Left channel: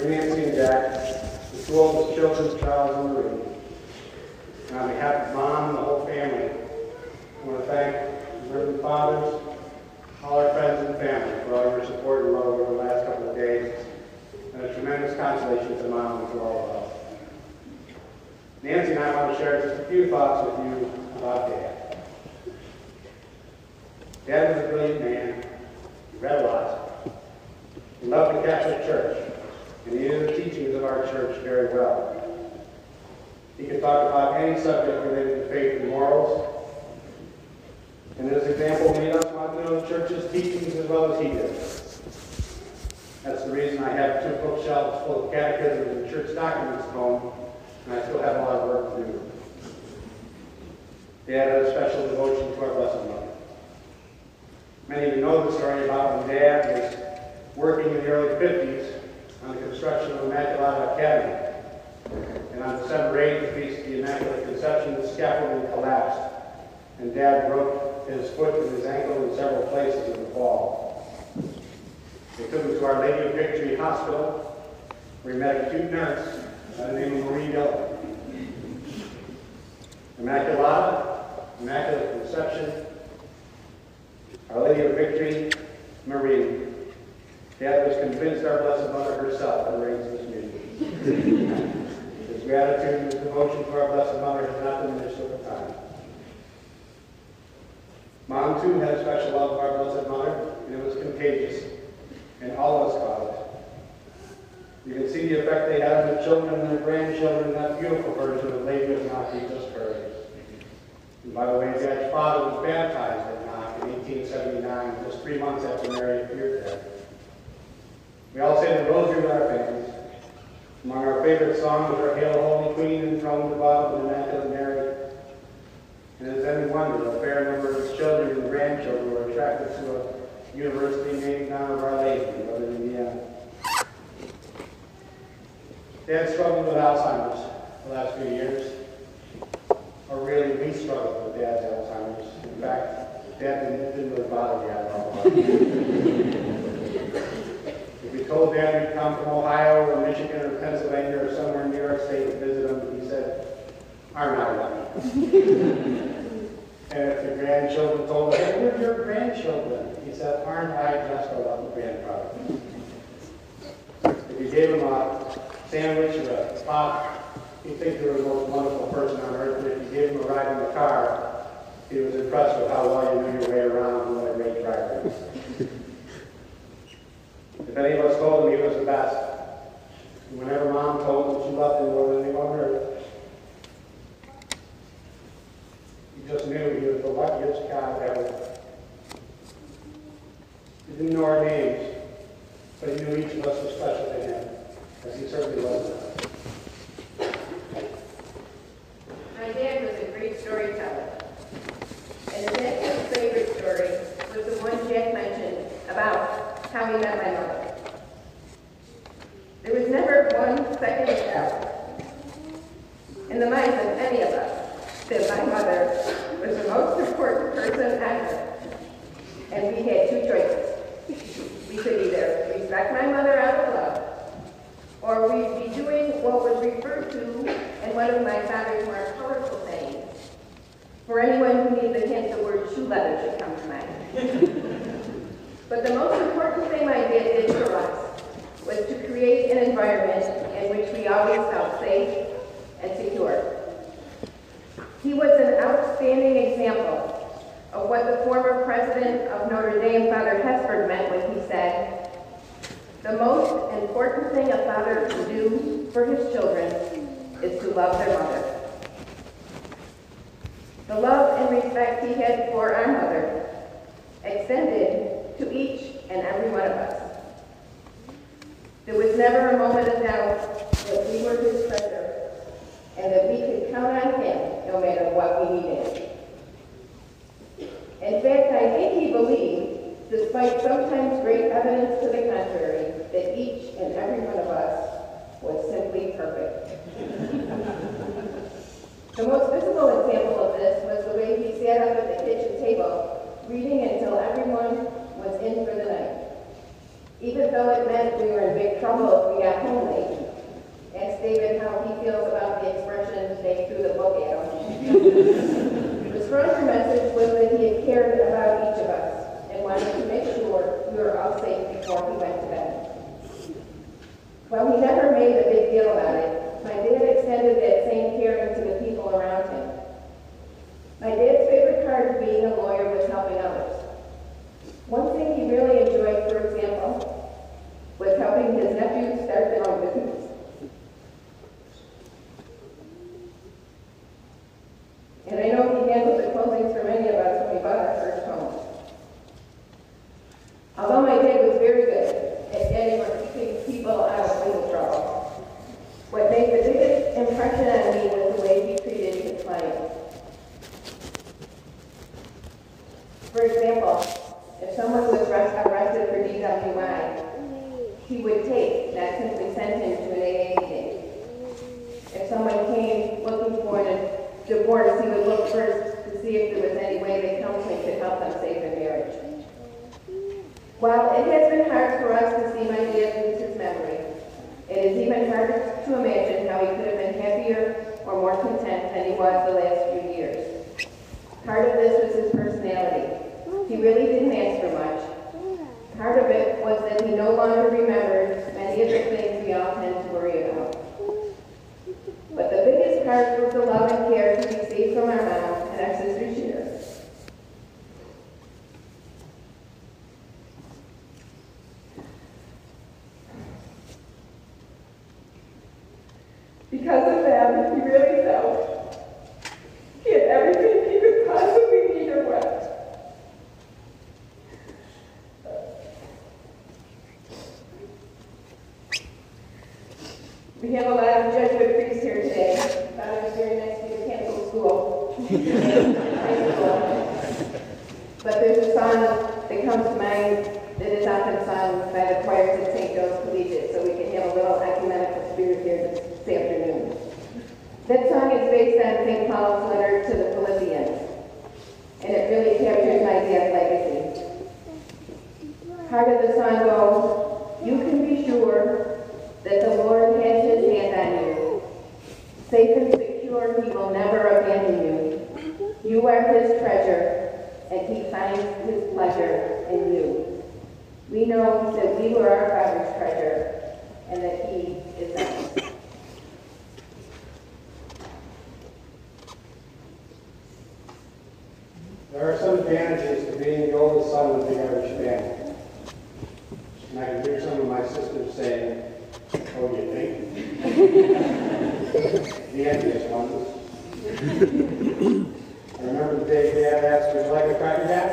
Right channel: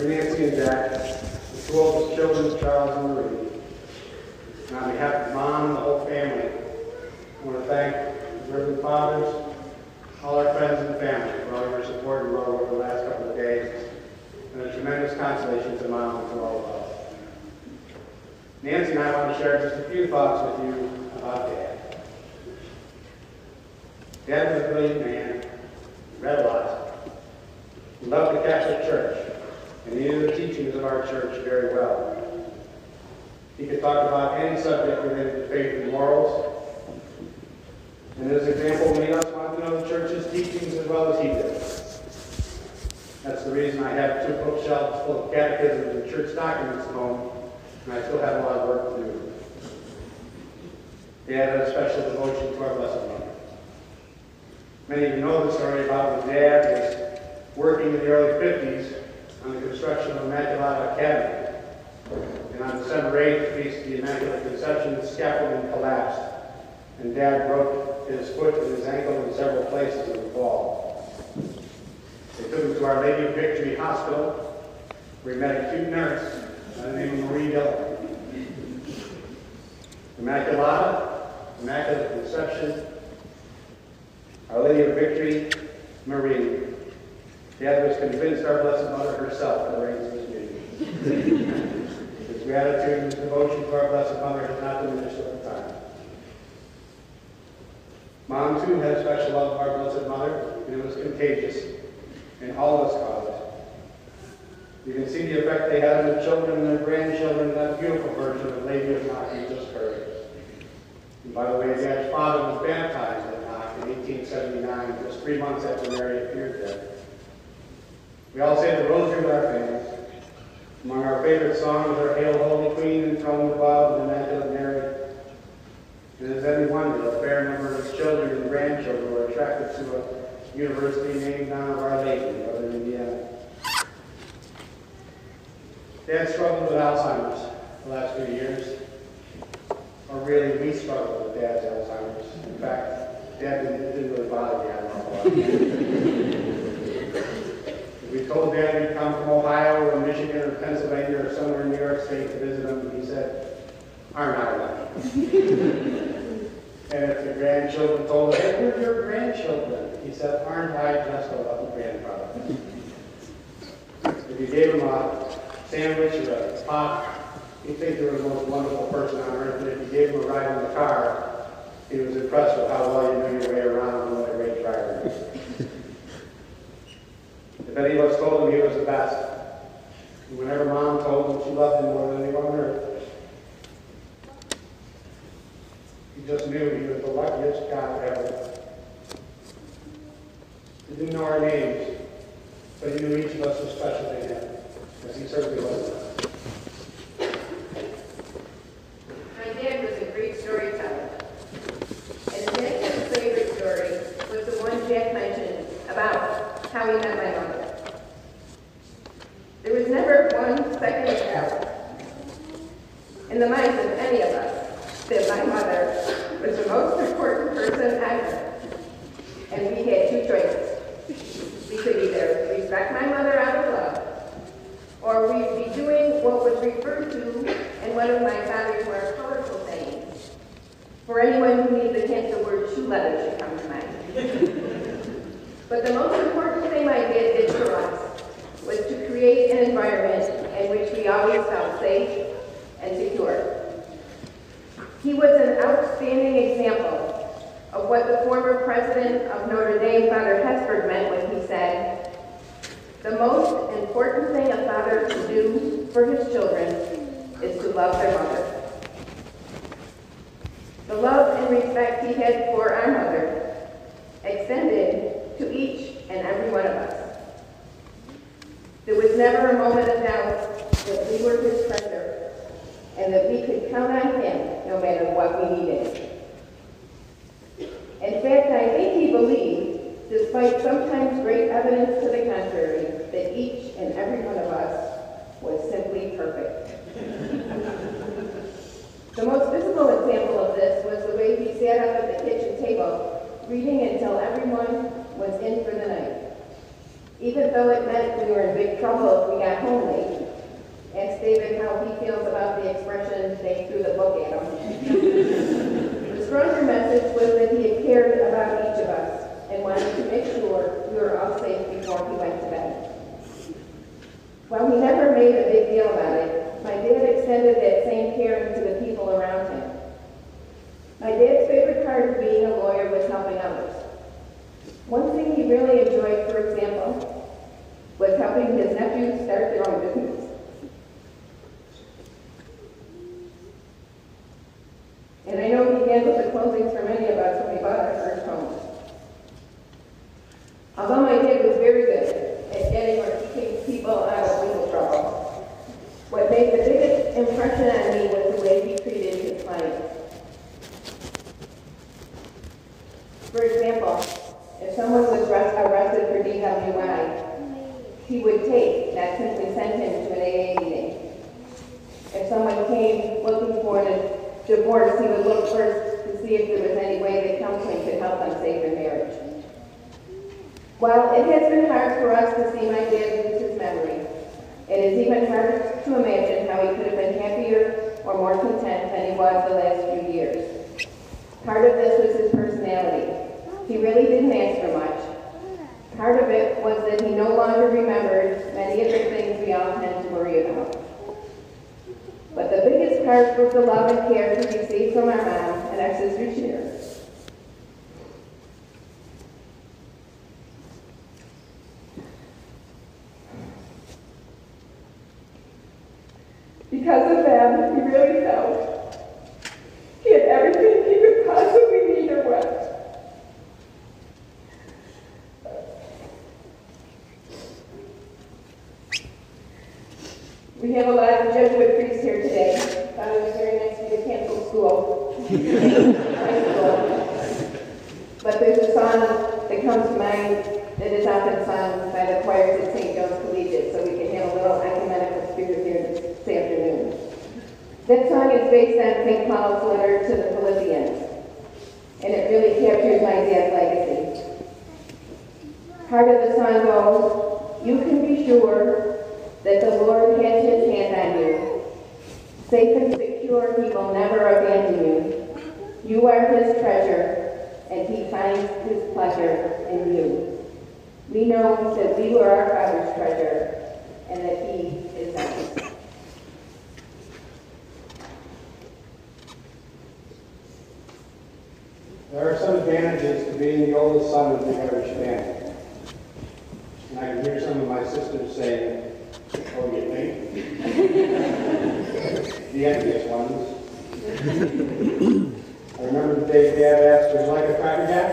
for Nancy and Jack, the two oldest children, Charles and Marie. And on behalf of Mom and the whole family, I want to thank the Reverend Fathers, all our friends and family for all your support and love over the last couple of days, and a tremendous consolation to Mom and to all of us. Nancy and I want to share just a few thoughts with you about Dad. Dad was a brilliant man. He read a lot. He loved the Catholic Church, and he knew the teachings of our church very well. He could talk about any subject related to faith and morals, and his example made us want to know the church's teachings as well as he did. That's the reason I have 2 bookshelves full of catechisms and church documents at home, and I still have a lot of work to do. Dad had a special devotion to our Blessed Mother. Many of you know the story about when Dad was working in the early 50s on the construction of Immaculata Academy. And on December 8th, the feast of the Immaculate Conception, the scaffolding collapsed, and Dad broke his foot and his ankle in several places in the fall. They took him to Our Lady of Victory Hospital, where he met a cute nurse by the name of Marie Dillon. Immaculata, Immaculate Conception, Our Lady of Victory, Marie. Dad was convinced our Blessed Mother herself had arranged this meeting. His gratitude and his devotion to our Blessed Mother has not diminished over time. Mom, too, had a special love of our Blessed Mother, and it was contagious, and all of us caught it. You can see the effect they had on their children and their grandchildren in that beautiful version of Lady of Knock you just heard. And by the way, Dad's father was baptized at Knock in 1879, just 3 months after Mary appeared there. We all say the rosary with our families. Among our favorite songs are Hail, Holy Queen, enthroned above, and Immaculate Mary. And as any wonder, a fair number of his children and grandchildren were attracted to a university named in honor of Our Lady in Northern Indiana. Dad struggled with Alzheimer's the last few years. Or really, we struggled with Dad's Alzheimer's. In fact, Dad didn't really bother Dad at all. If we told Dad we'd come from Ohio or Michigan or Pennsylvania or somewhere in New York State to visit him, he said, "Aren't I lucky?" And if the grandchildren told him, "Hey, we're your grandchildren," he said, "Aren't I just a lucky grandfather?" If you gave him a sandwich or a pop, he'd think you were the most wonderful person on earth, and if you gave him a ride in the car, he was impressed with how well you knew your way around and what a great driver he was. If any of us told him he was the best, and whenever Mom told him she loved him more than anyone on earth, he just knew he was the luckiest guy ever. He didn't know our names, but he knew each of us was special to him, as he certainly was. My dad was a great storyteller, and his next favorite story was the one Jack mentioned about how he met my mother. There was never one second of doubt in the minds of any of us that my mother was the most important person ever, and we had 2 choices. We could either respect my mother out of love, or we'd be doing what was referred to in one of my father's more colorful sayings. For anyone who needs a hint, the word shoe leather should come to mind. But the most important thing my dad did for us was to create an environment in which we always felt safe and secure. He was an outstanding example of what the former president of Notre Dame, Father Hesford, meant when he said, "The most important thing a father can do for his children is to love their mother." The love and respect he had for our mother extended to each and every one of us. There was never a moment of doubt that we were his treasure and that we could count on him no matter what we needed. In fact, I think he believed, despite sometimes great evidence to the contrary, that each and every one of us was simply perfect. The most visible example of this was the way he sat up at the kitchen table, reading until everyone was in for the night. even though it meant we were in big trouble if we got home late. Ask David how he feels about the expression, they threw the book at him. The stronger message was that he cared about each of us and wanted to make sure we were all safe before he went to bed. While he never made a big deal about it, my dad extended that same caring to the people around him. My dad's favorite part of being a lawyer was helping others. One thing he really enjoyed, for example, was helping his nephews start their own business. And I know he handled the closings for many of us when we bought our first home. Although my dad was very good at getting or keeping people out of legal trouble, what made the biggest impression on me was the way he treated his clients. For example, if someone was arrested for DWI, he would take, not simply send him to an AA meeting. If someone came looking for a divorce, he would look first to see if there was any way that counseling could help them save their marriage. While it has been hard for us to see my dad lose his memory, it is even harder to imagine how he could have been happier or more content than he was the last few years. Part of this was his personality. He really didn't ask for much. Part of it was that he no longer remembered many of the things we all tend to worry about. But the biggest part was the love and care he received from our mom and our sister Sheer. Because of them, he really felt he had everything he could possibly need or want. We have a lot of Jesuit priests here today. Father's very nice to the cancel school. High school. But there's a song that comes to mind that is often sung by the choirs at St. Joe's Collegiate, so we can have a little ecumenical spirit here this afternoon. That song is based on St. Paul's letter to the Philippians, and it really captures my dad's legacy. Part of the song goes, "You can be sure that the Lord has his hand on you. Safe and secure, he will never abandon you. You are his treasure, and he finds his pleasure in you." We know that we were our Father's treasure, and that he is ours. There are some advantages to being the oldest son of the Irish family. And I can hear some of my sisters saying, "Oh, you think?" The envious ones. I remember the day Dad asked, "Would you like a Cracker Jack?"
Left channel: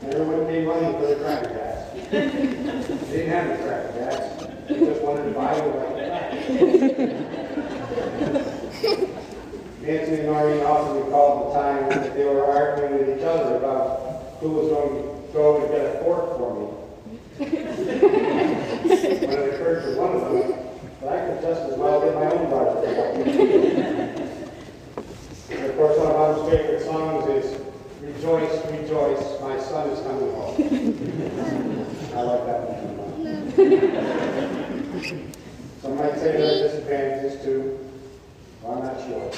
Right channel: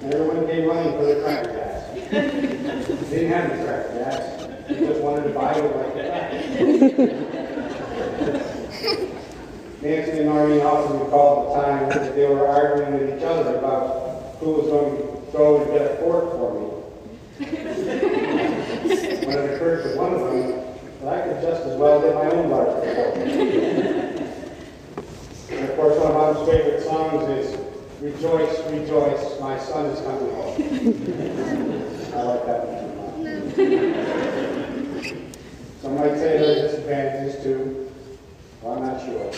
And everyone came running for the Cracker Jacks. Didn't have the Cracker Jacks. They just wanted to buy it like that. Nancy and Noreen often recalled the time that they were arguing with each other about who was going to go and get a fork for me. When it occurred to one of them that I could just as well get my own large fork. And of course, one of Mom's favorite songs is "Rejoice, Rejoice, My Son is Coming Home." I like that one. Some might say there are disadvantages too. Well, I'm not sure.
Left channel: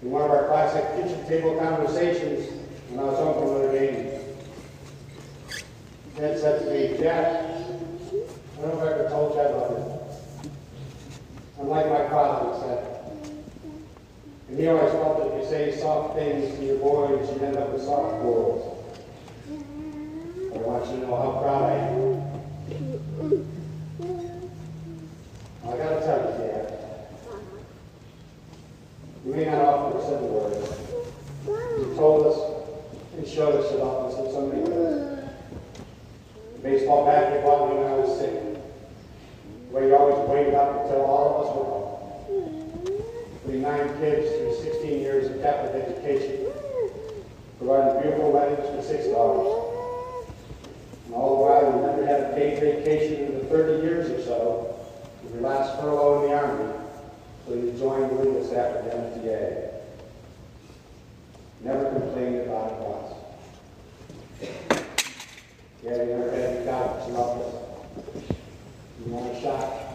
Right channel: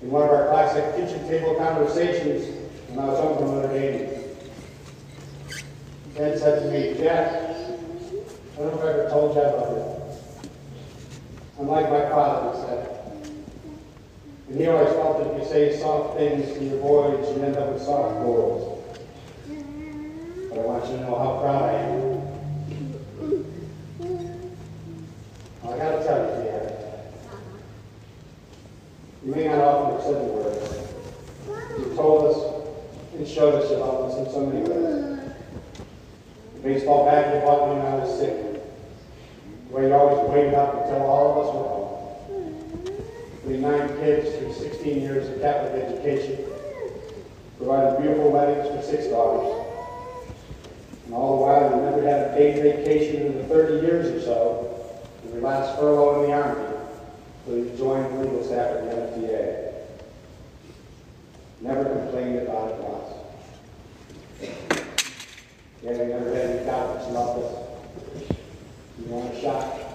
In one of our classic kitchen table conversations when I was home from Notre Dame, Dad said to me, "Jack, I don't know if I ever told you about it. I'm like my father," he said. And he always felt that if you say soft things to your boys, you end up with soft boys. But I want you to know how proud I am. Well, I gotta tell you, Dad, you may not often have said the words. You told us and showed us about us in so many ways. The baseball bat you bought me when I was sick. The way you always waited up until all of us were home. 9 kids through 16 years of Catholic education, provided beautiful weddings for 6 daughters. And all the while, you never had a paid vacation in the 30 years or so of your last furlough in the Army, so you joined the legal staff at the MTA. Never complained about it once. Yeah, you never had any loved us. We want a shot.